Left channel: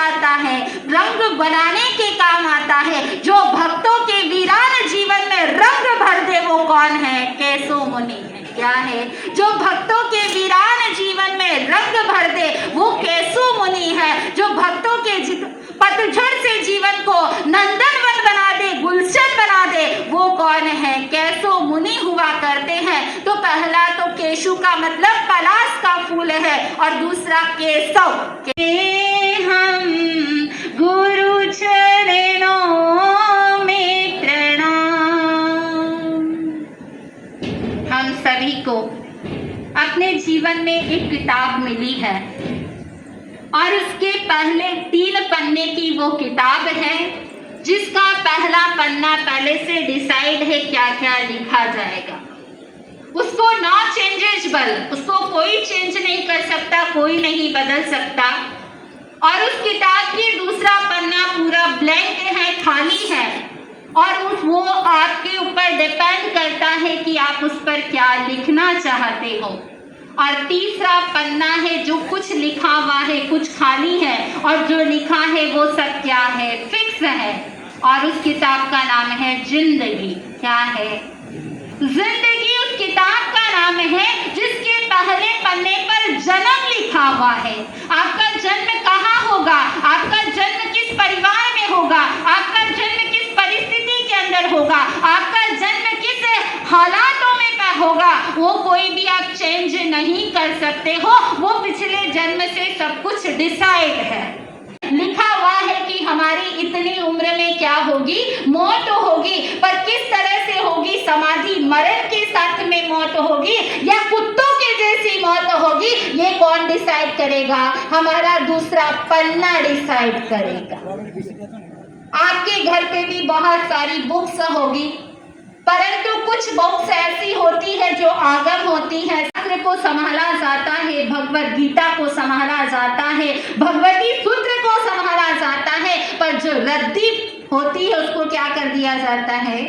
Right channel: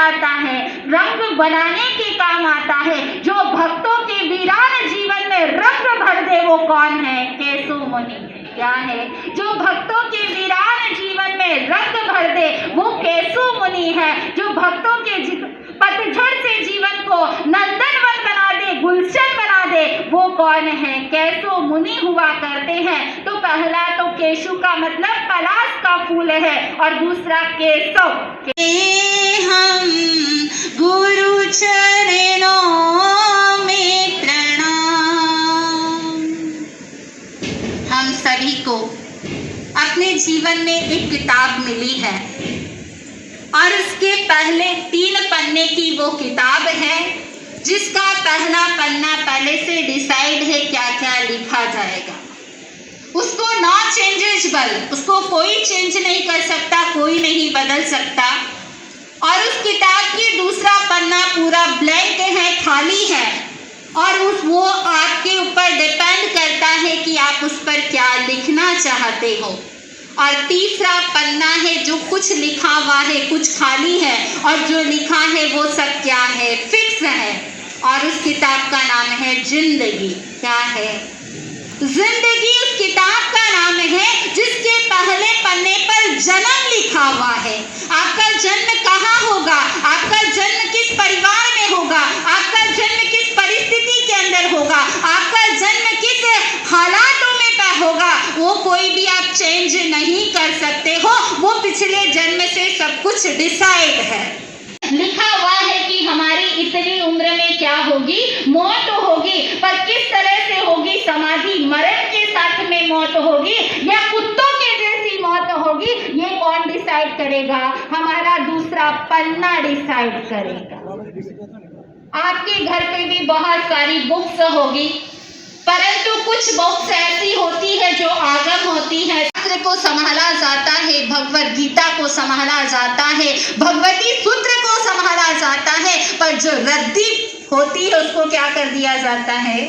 आता है, रंग बनाने के काम आता है। जो भक्तों के वीरान जीवन में रंग भर दे वो कौन है? केशव मुनि है। क्या है? जो भक्तों के वीरान जीवन में रंग भर दे वो केशव मुनि है। जो भक्तों के पतझड़ से जीवन को नंदनवन बना दे, गुलशन बना दे, वो कौन है? केशव मुनि हुआ करते हैं। तो पहला तो केशु का मतलब पलाश का फूल है और दूसरा केशव। हम गुरु चरणों में प्रणाम। हम सभी को अपने जीवन में एक किताब मिली है और उसके पहले 3 पन्ने की वो किताब है जिसका पहला पन्ना पहले से डिसाइड है क्या क्या लिखा जाएगा। उसको नॉट चेंजेबल, उसको कोई चेंज नहीं कर सकता, कोई नहीं बदल सकता। और उस किताब की दूसरा पन्ना पूरा ब्लैंक है, खाली है और वो आपके ऊपर डिपेंड करता है कि आप उस पर क्या लिखना चाहते हो। और तीसरा पन्ना है जो कुछ लिखा हुआ है, कुछ खाली है और जो लिखा है वो सब क्या है? फिक्स है। और उस किताब का नाम है जिंदगी। क्या है? जिंदगी उस किताब का नाम है जिसके पहले पन्ने पर जन्म लिखा हुआ है। आपका जन्म कहाँ होगा, आपका जन्म किस परिवार में होगा, आपका जन्म किस परिस्थिति के अंदर होगा, आपका जन्म किस हालातों में होगा, वो कोई भी आप चेंज नहीं कर सकते हो। वो पिछले जन्म से सब कुछ डिसाइड है। लिखा हुआ है कि हमारी इतनी उम्र में क्या होगी? मौत होगी। पर किस तरह से होगी? समाधि मरण के साथ में मौत होगी या कुत्तों के जैसी मौत होगी? ये कौन डिसाइड करेगा? हमारा दूसरा पन्ना डिसाइड करेगा। आपके घर पे भी बहुत सारी बुक्स होगी, परंतु कुछ बुक्स ऐसी होती है जो आगम होती है। शास्त्र को संभाला जाता है, भगवत गीता को संभाला जाता है, भगवती सूत्र को संभाला जाता है, पर जो रद्दी होती है उसको क्या कर दिया जाता है?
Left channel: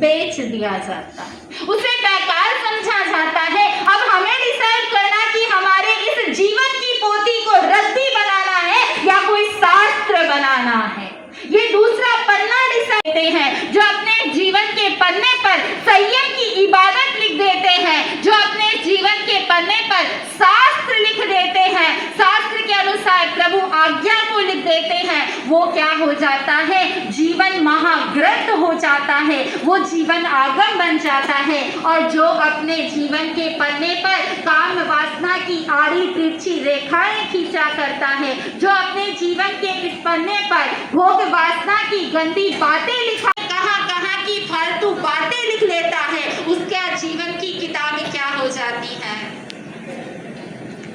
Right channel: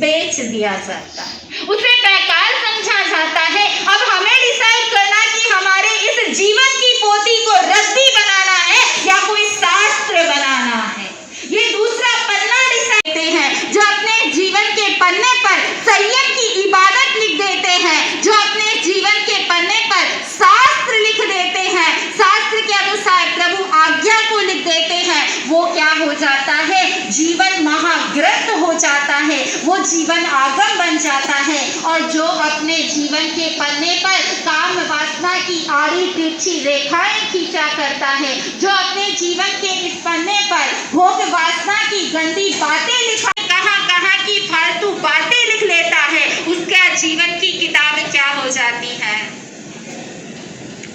बेच दिया जाता है, उसे बेकार समझा जाता है। अब हमें डिसाइड करना कि हमारे इस जीवन की पोथी को रद्दी बनाना है या कोई शास्त्र बनाना है। ये दूसरा पन्ना डिसाइड हैं जो अपने जीवन के पन्ने पर संयम की इबादत लिख देते हैं, जो अपने जीवन के पन्ने पर शास्त्र लिख देते हैं, शास्त्र के अनुसार प्रभु आज्ञा को लिख देते हैं, वो क्या हो जाता है? जीवन महाग्रंथ हो जाता है, वो जीवन आगम बन जाता है। और जो अपने जीवन के पन्ने पर काम वासना की आड़ी तिरछी रेखाएं खींचा करता है, जो अपने जीवन के इस पन्ने पर भोग वासना की गंदी बातें लिखा, कहाँ की फालतू बातें लिख लेता है, उसका जीवन की किताब क्या हो जाती है?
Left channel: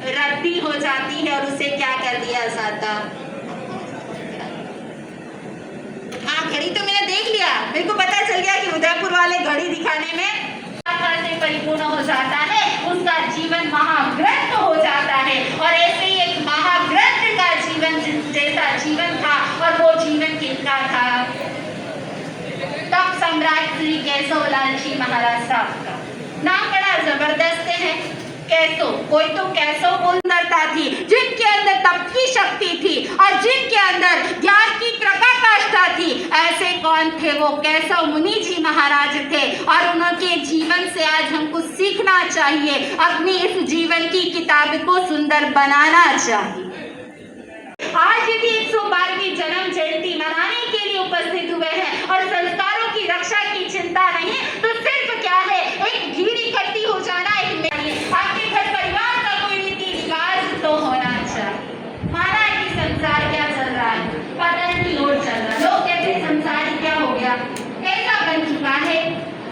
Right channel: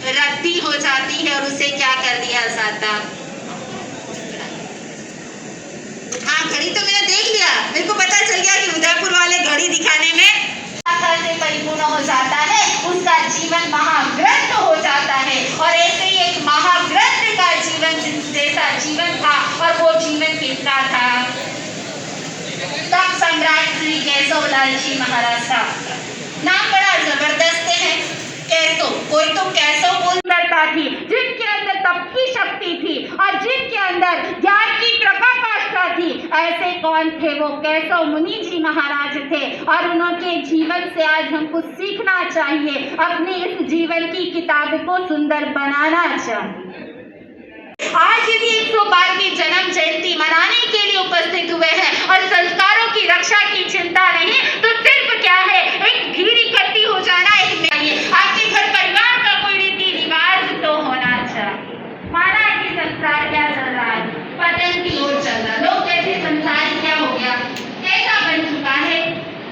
रद्दी हो जाती है और उसे क्या कर दिया जाता? हाँ, घड़ी तो मैंने देख लिया, मेरे को पता चल गया कि उदयपुर वाले घड़ी दिखाने में से परिपूर्ण हो जाता है, उसका जीवन महाग्रंथ हो जाता है। और ऐसे ही एक महाग्रंथ का जीवन जैसा जीवन था और वो जीवन किसका था? तब सम्राट श्री केशव लाल जी महाराज साहब का। नाम बड़ा जबरदस्त है, केशव। कोई तो केशव सुंदरता थी, जिनके अंदर तप की शक्ति थी और जिनके अंदर ज्ञान की कृपा काष्ठा थी। ऐसे कौन थे? वो केशव मुनि जी महाराज थे। और उनके जीवन से आज हमको सीखना चाहिए, अपनी इस जीवन की किताब को सुंदर बनाना चाहिए। आज यदि 112वीं जन्म जयंती मनाने के लिए उपस्थित हुए हैं और संस्कारों की रक्षा की चिंता नहीं, तो सिर्फ क्या है? एक भीड़ इकट्ठी हो जाना, एक आपके घर परिवार का कोई रीति रिवाज तो होना चाहिए। माना कि संसार क्या चल रहा है, पता नहीं और चल रहा, लोग कहते संसार क्या हो गया, ऐसा बन चुका है।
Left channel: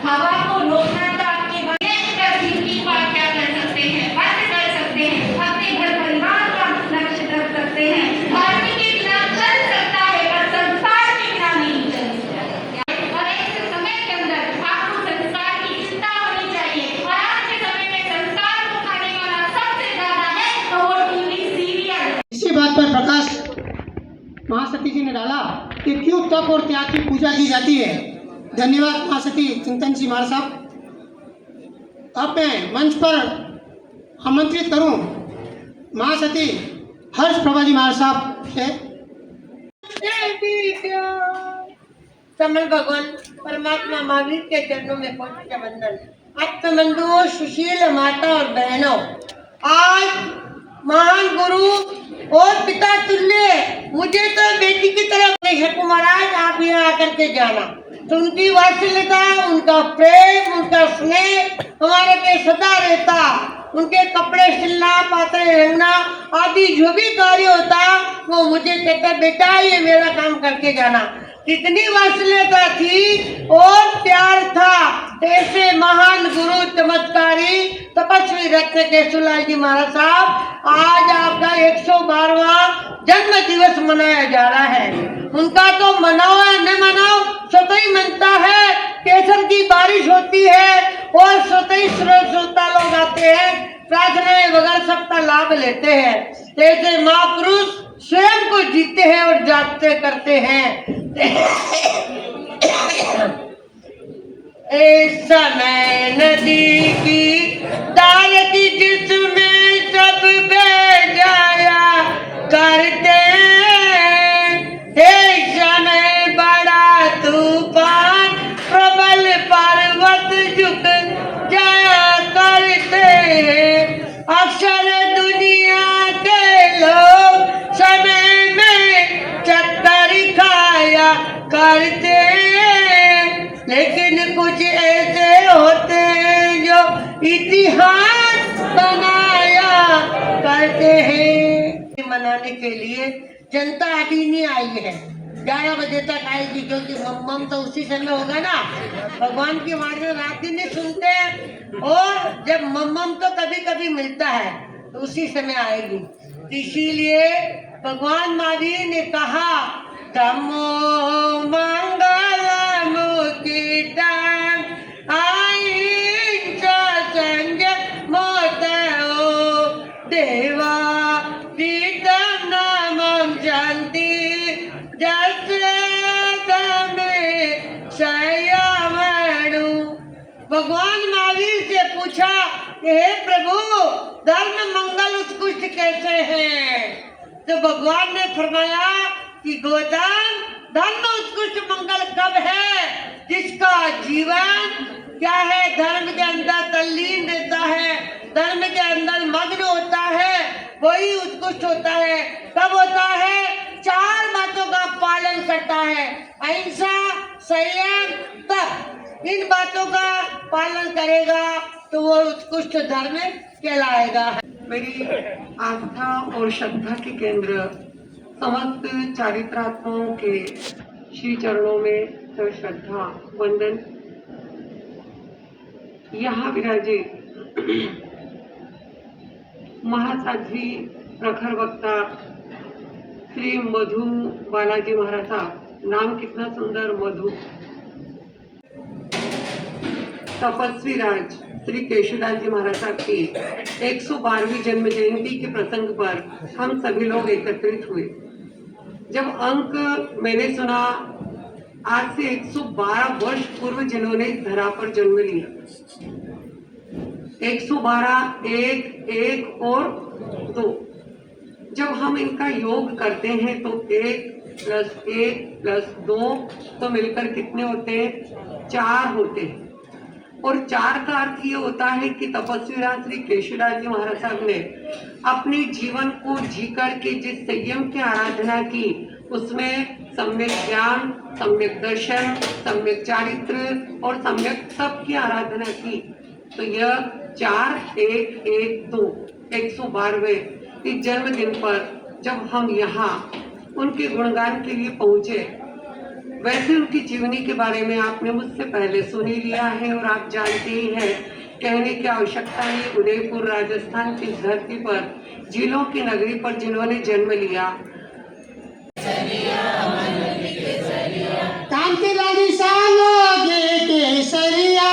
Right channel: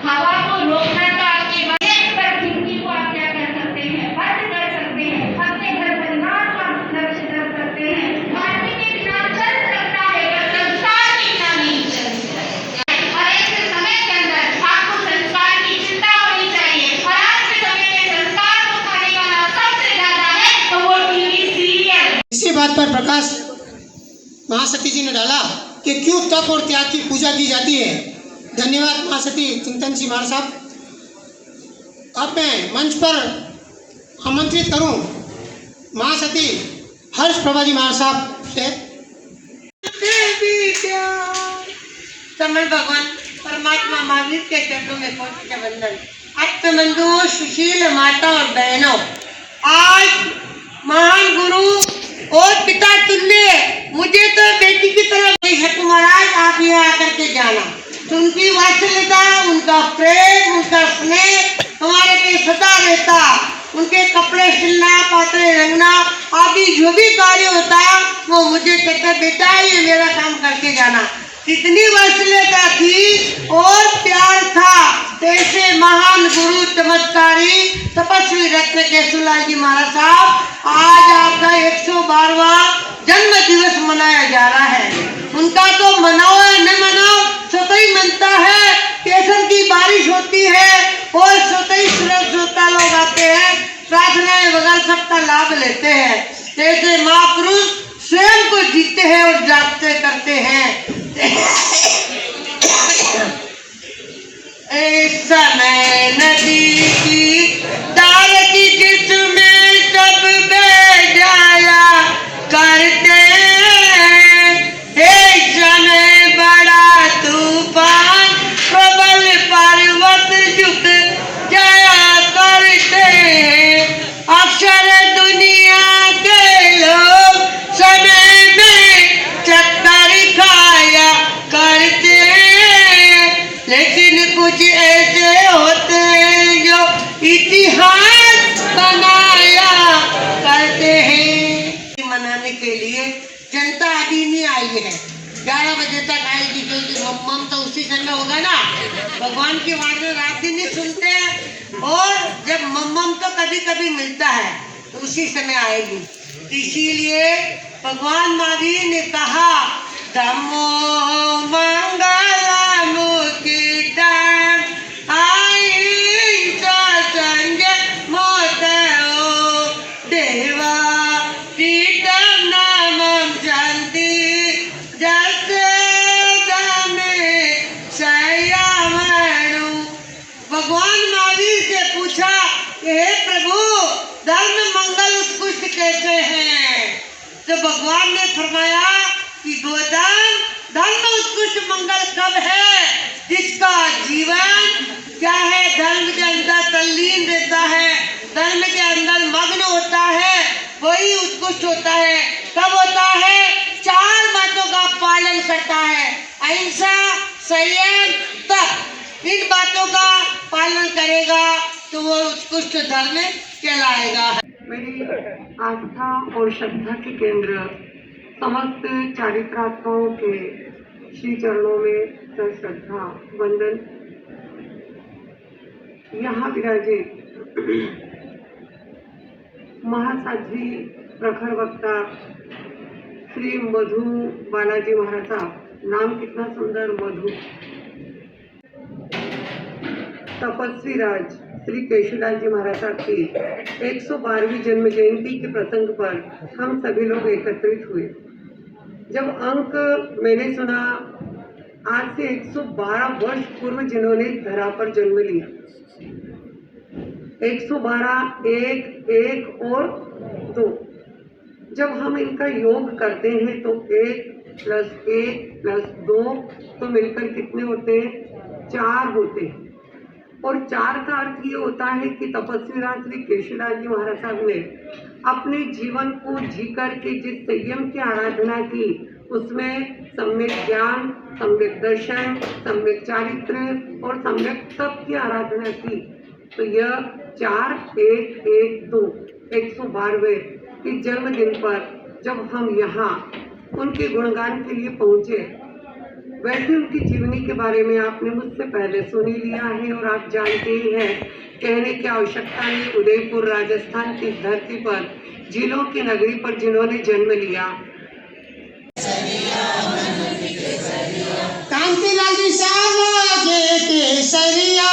हवा को रोकना तो आपके बने, पर जिंदगी को आप क्या कर सकते हैं? बंद कर सकते हैं, अपने घर परिवार का लक्ष्य रख सकते हैं। धर्म के बिना चल सकता है पर संस्कार के बिना नहीं चल सकता। और ऐसे समय के अंदर आपको संस्कार की चिंता होनी चाहिए। और आज के समय में संस्कार को खाने वाला सबसे ज्यादा है तो वो टीवी सीरियल। इसी बात पर प्रकाश महासती जी ने डाला कि क्यों तप और त्याग की पूजा की जाती है। धन्यवाद महासती चिंतन जी महाराज साहब। अब मैं मंच पर आमंत्रित करूं महासती हर्ष प्रभा जी महाराज साहब से। समय भगवान परमात्मा महावीर के चरणों में पहुंच के वंदन। आत्मबंधुओं, सुशील माता और बहनों, आज महान गुरु और पिता तुल्य मुझे तो बेटी की तरह है महाराज, आप यहाँ आकर के जाना। तो उनकी वात्सल्यता, उनका प्रेम, उनका स्नेह हमारे पे सदा रहता। उनके कपड़े सिलना, पात्रे रंगना आदि जो भी कार्य होता वो मुझे कहता बेटा ये मेरा काम करके जाना। कितनी वात्सल्यता थी और प्यार था। ऐसे महान गुरु, चमत्कारी, तपस्वी रत्न केशवलाल जी महाराज साहब, आज आपका 112वां जन्म दिवस मनाया जा रहा है। उनका तो मनाओ या न मनाओ, स्वतः ही मनता है। केसर की बारिश होती है और स्वतः ही श्रोता लोग आते हैं, प्रार्थनाएं वगैरह सबका लाभ लेते हैं। ऐसे महापुरुष स्वयं को जीते हैं और जागते करते हैं। इस समय नदी की दाल की जिसमें सब बह जाया करते हैं। इस समय बड़ा तूफान प्रबल पर्वत झुक जाया करते हैं। अक्सर दुनिया के लोग समय में चक्कर खाया करते हैं, लेकिन कुछ ऐसे होते हैं जो इतिहास बनाया करते हैं। मनाने के लिए जनता अभी नहीं आई है, 11 बजे तक आएगी, क्योंकि मम्मम तो उसी समय होगा ना। भगवान की वाणी रात दिन नहीं सुनते हैं, और जब मम्मम तो कभी कभी मिलता है तो उसी समय आएगी। इसीलिए भगवान महावीर ने कहा धम्मो मंगलम मुक्तिदं अहिंसा संयम मोक्षो देवा तीर्थं नामं शान्ति जस्य धम्मे संयमनु। भगवान महावीर से पूछा हे प्रभु, धर्म मंगल उत्कृष्ट कैसे हैं? तो भगवान ने फरमाया कि गोदान धर्म उत्कृष्ट मंगल कब है? जिसका जीवन क्या है, धर्म के अंदर तल्लीन रहता है, धर्म के अंदर मग्न होता है, वही उत्कृष्ट होता है। कब होता है? 4 बातों का पालन करता है, अहिंसा, संयम, तप। इन बातों का पालन करेगा तो वो उत्कृष्ट धर्म कहलाएगा। मेरी आस्था और श्रद्धा के केंद्र समस्त चारित्रात्माओं के श्री चरणों में श्रद्धा वंदन। यहाँ विराजित महासाध्वी प्रखर वक्ता श्री मधु बालाजी महाराज साहब, नाम कितना सुंदर, मधु। तपस्वी राज श्री केशवलाल जी महाराज साहब की 112वीं जन्म जयंती के प्रसंग पर हम सभी लोग एकत्रित हुए। जब अंक मैंने सुना, आज से 112 वर्ष पूर्व जिन्होंने धरा पर जन्म लिया, 112, 1, 1 और 2। जब हम इनका योग करते हैं तो 1 + 1 + 2 तो मिलकर कितने होते हैं? 4 होते हैं। और 4 का अर्थ ये होता है कि तपस्वी राज श्री केशवलाल जी महाराज साहब ने अपने जीवन को जी करके जिस संयम की आराधना की, उसमें सम्यक ज्ञान, सम्यक दर्शन, सम्यक चारित्र और सम्यक तप की आराधना की। तो यह 4, 1, 1, 2 112वें इस जन्मदिन पर जब हम यहाँ उनके गुणगान के लिए पहुंचे, वैसे उनकी जीवनी के बारे में आपने मुझसे पहले सुन ही लिया है और आप जानते ही हैं, कहने की आवश्यकता नहीं। उदयपुर राजस्थान की धरती पर, जिलों की नगरी पर जिन्होंने जन्म लिया, कांतिलाल जी सालोगे केसरिया,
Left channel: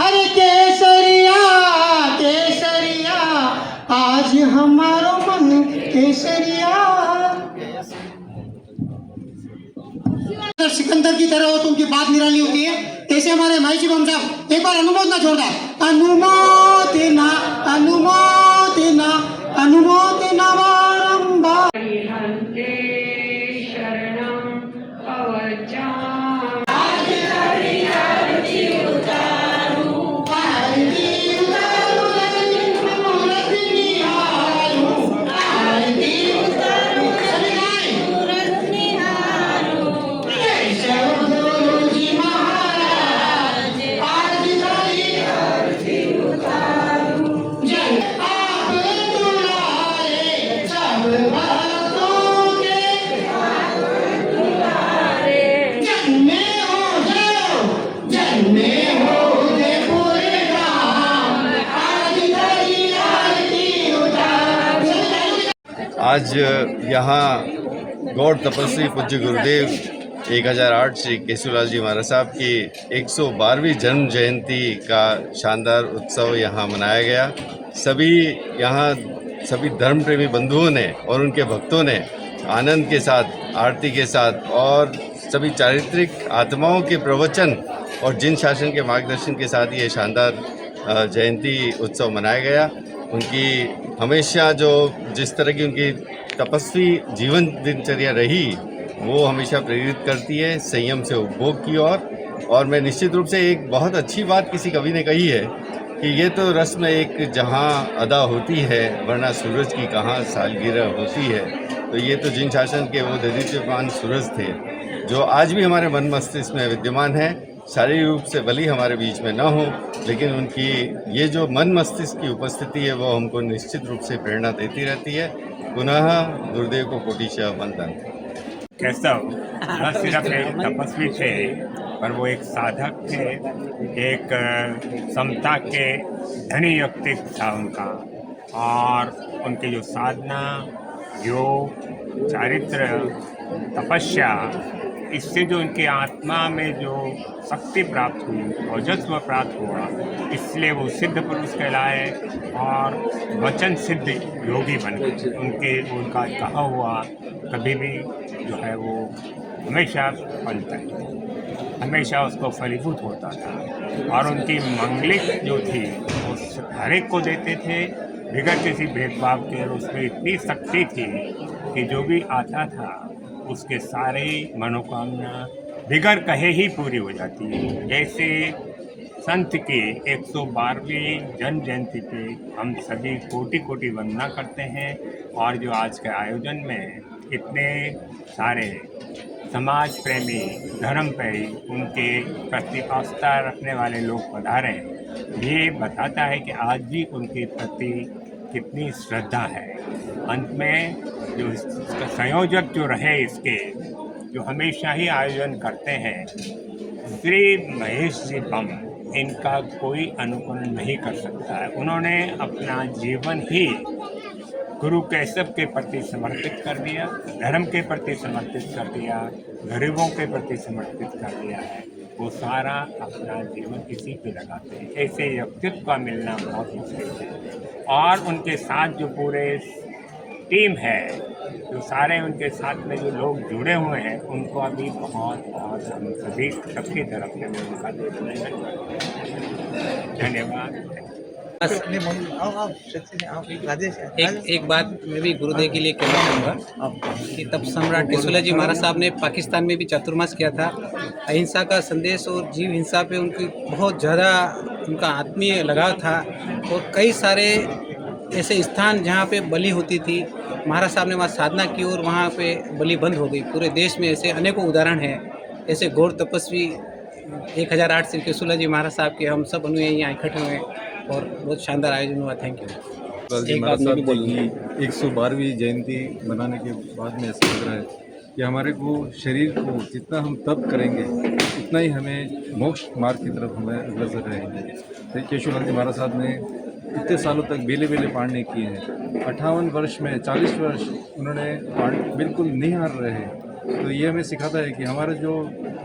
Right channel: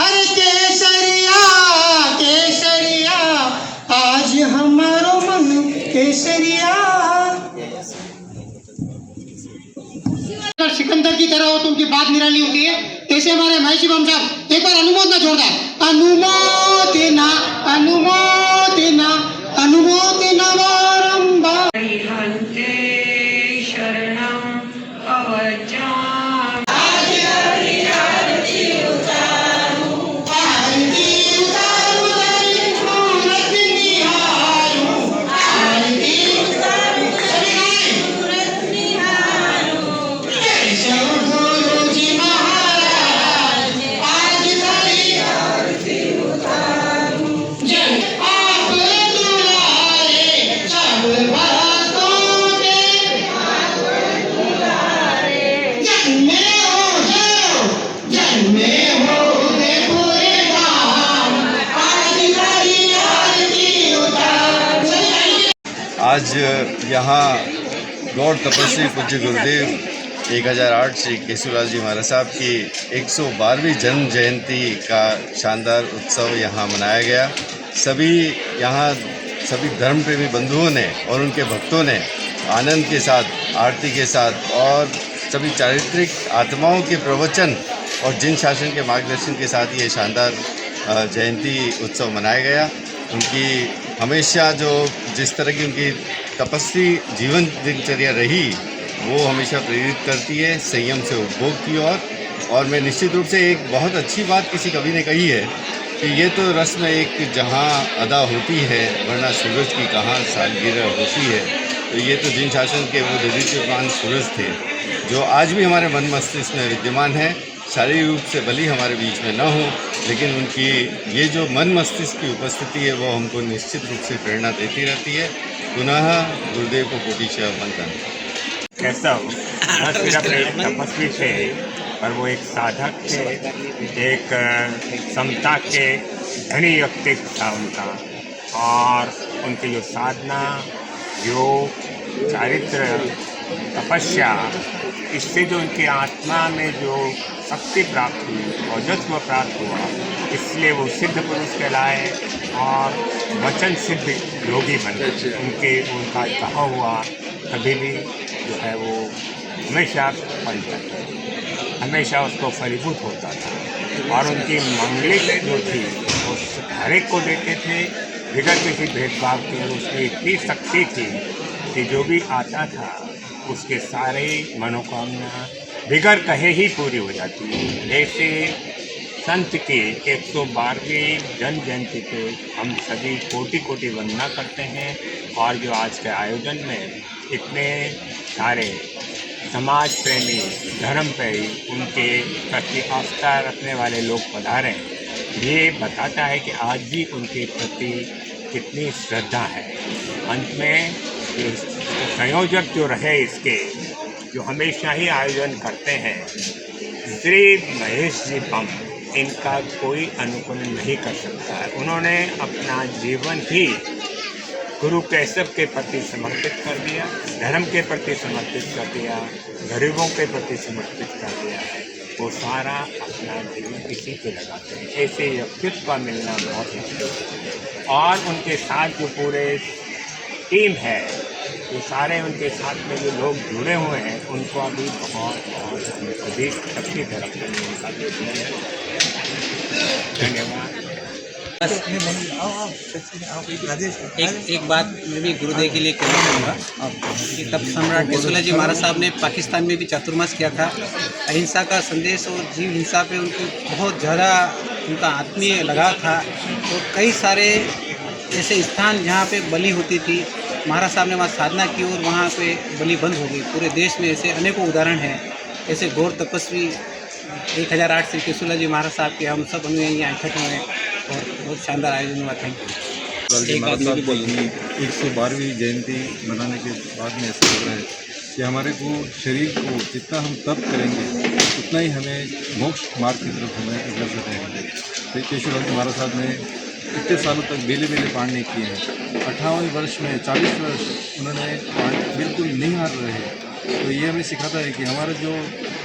हरे केसरिया केसरिया, आज हमारो मन केसरिया। सिकंदर की तरह हो तो उनकी बात निराली होती है। ऐसे हमारे माई शिवम साहब एक बार अनुमोदना जोरदार, अनुमोदना अनुमोदना अनुमोदना बारंबार। हरिहंते शरणं आज यहाँ गौर तपस्वी पूज्य गुरुदेव 1008 श्री केशवलाल जी महाराज साहब की 112वीं जन्म जयंती का शानदार उत्सव यहाँ मनाया गया। सभी धर्म प्रेमी बंधुओं ने और उनके भक्तों ने आनंद के साथ, आरती के साथ और सभी चारित्रिक आत्माओं के प्रवचन और जिन शासन के मार्गदर्शन के साथ ये शानदार जयंती उत्सव मनाया गया। उनकी हमेशा जिस तरह की उनकी तपस्वी जीवन दिनचर्या रही, वो हमेशा प्रेरित करती है संयम से उपभोग की ओर। और मैं निश्चित रूप से एक बहुत अच्छी बात किसी कवि ने कही है कि ये तो रस्म एक जहाँ अदा होती है, वरना सूरज की कहाँ सालगिरह होती है। तो ये तो जिन शासन के वो ददीच्यमान सूरज थे, जो आज भी हमारे मन मस्तिष्क में विद्यमान है। शारीरिक रूप से भले हमारे बीच में न हो, लेकिन उनकी ये जो मन मस्तिष्क की उपस्थिति है वो हमको निश्चित रूप से प्रेरणा देती रहती है। पुनः गुरुदेव को कोटिशः वंदन। कैसा हो, न सिर्फ एक तपस्वी थे, पर वो एक साधक थे, एक समता के धनी व्यक्तित्व था उनका। और उनकी जो साधना, योग, चारित्र, तपस्या, इससे जो उनकी आत्मा में जो शक्ति प्राप्त हुई और जज्ब प्राप्त हुआ, इसलिए वो सिद्ध पुरुष कहलाए और वचन सिद्ध योगी बने। उनका कहा हुआ कभी भी जो है वो हमेशा बनता था, हमेशा उसको फलीभूत होता था। और उनकी मंगलिक जो थी वो हर एक को देते थे बिगड़ किसी भेदभाव के। और उसमें इतनी शक्ति थी कि जो भी आता था उसके सारे मनोकामना बिगड़ कहे ही पूरी हो जाती है। जैसे संत की 112वीं जन्म जयंती पे हम सभी कोटि कोटि वंदना करते हैं। और जो आज के आयोजन में इतने सारे समाज प्रेमी, धर्म प्रेमी, उनके प्रति आस्था रखने वाले लोग पधारे, ये बताता है कि आज भी उनके प्रति कितनी श्रद्धा है। अंत में जो संयोजक जो रहे इसके, जो हमेशा ही आयोजन करते हैं, श्री महेश जी पम, इनका कोई अनुकरण नहीं कर सकता है। उन्होंने अपना जीवन ही गुरु केशव के प्रति समर्पित कर दिया, धर्म के प्रति समर्पित कर दिया, गरीबों के प्रति समर्पित कर दिया है। वो सारा अपना जीवन इसी पे लगाते हैं। ऐसे व्यक्तित्व का मिलना बहुत मुश्किल है। और उनके साथ जो पूरे टीम है, जो सारे उनके साथ में जो लोग जुड़े हुए हैं, उनको अभी बहुत हम सभी सबकी तरफ से उनका धन्यवाद। एक बात मैं भी गुरुदेव के लिए कहना चाहूँगा कि तब सम्राट केशवलाल जी महाराज साहब ने पाकिस्तान में भी चातुर्मास किया था। अहिंसा का संदेश और जीव हिंसा पे उनकी बहुत ज़्यादा उनका आत्मीय लगाव था। और कई सारे ऐसे स्थान जहाँ पे बलि होती थी, महाराज साहब ने वहाँ साधना की और वहाँ पे बलि बंद हो गई। पूरे देश में ऐसे अनेकों उदाहरण हैं। ऐसे गौर तपस्वी 1008 श्री केशवलाल जी महाराज साहब के हम सब अनुयायी यहाँ इकट्ठे हुए और बहुत शानदार आयोजन हुआ। Thank you. महाराज साहब की 112वीं जयंती मनाने के बाद में ऐसा लग रहा है कि हमारे को शरीर को जितना हम तप करेंगे उतना ही हमें मोक्ष मार्ग की तरफ हमें अग्रसर रहेंगे। केशवलाल जी महाराज साहब ने इतने सालों तक बेले बेले पाठ नहीं किए हैं। 58 वर्ष में 40 वर्ष उन्होंने पाठ बिल्कुल नहीं हार रहे। तो ये हमें सिखाता है कि हमारा जो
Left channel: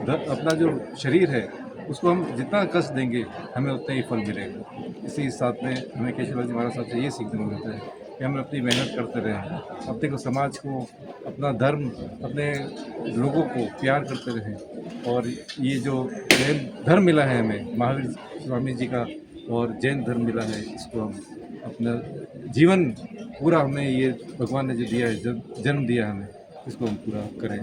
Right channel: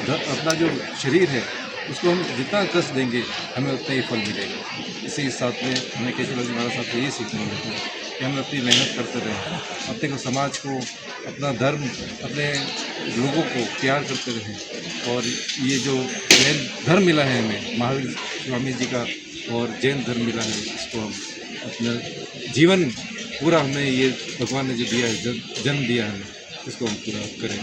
अपना जो शरीर है उसको हम जितना कष्ट देंगे हमें उतना ही फल मिलेगा। इसी के साथ में हमें केशवलाल जी महाराज साहब से ये सीखने मिलता है कि हम अपनी मेहनत करते रहें, अपने को समाज को, अपना धर्म, अपने लोगों को प्यार करते रहें। और ये जो जैन धर्म मिला है हमें, महावीर स्वामी जी का और जैन धर्म मिला है, इसको हम अपना जीवन पूरा हमें ये भगवान ने जो दिया है, जन्म दिया हमें, इसको हम पूरा करें।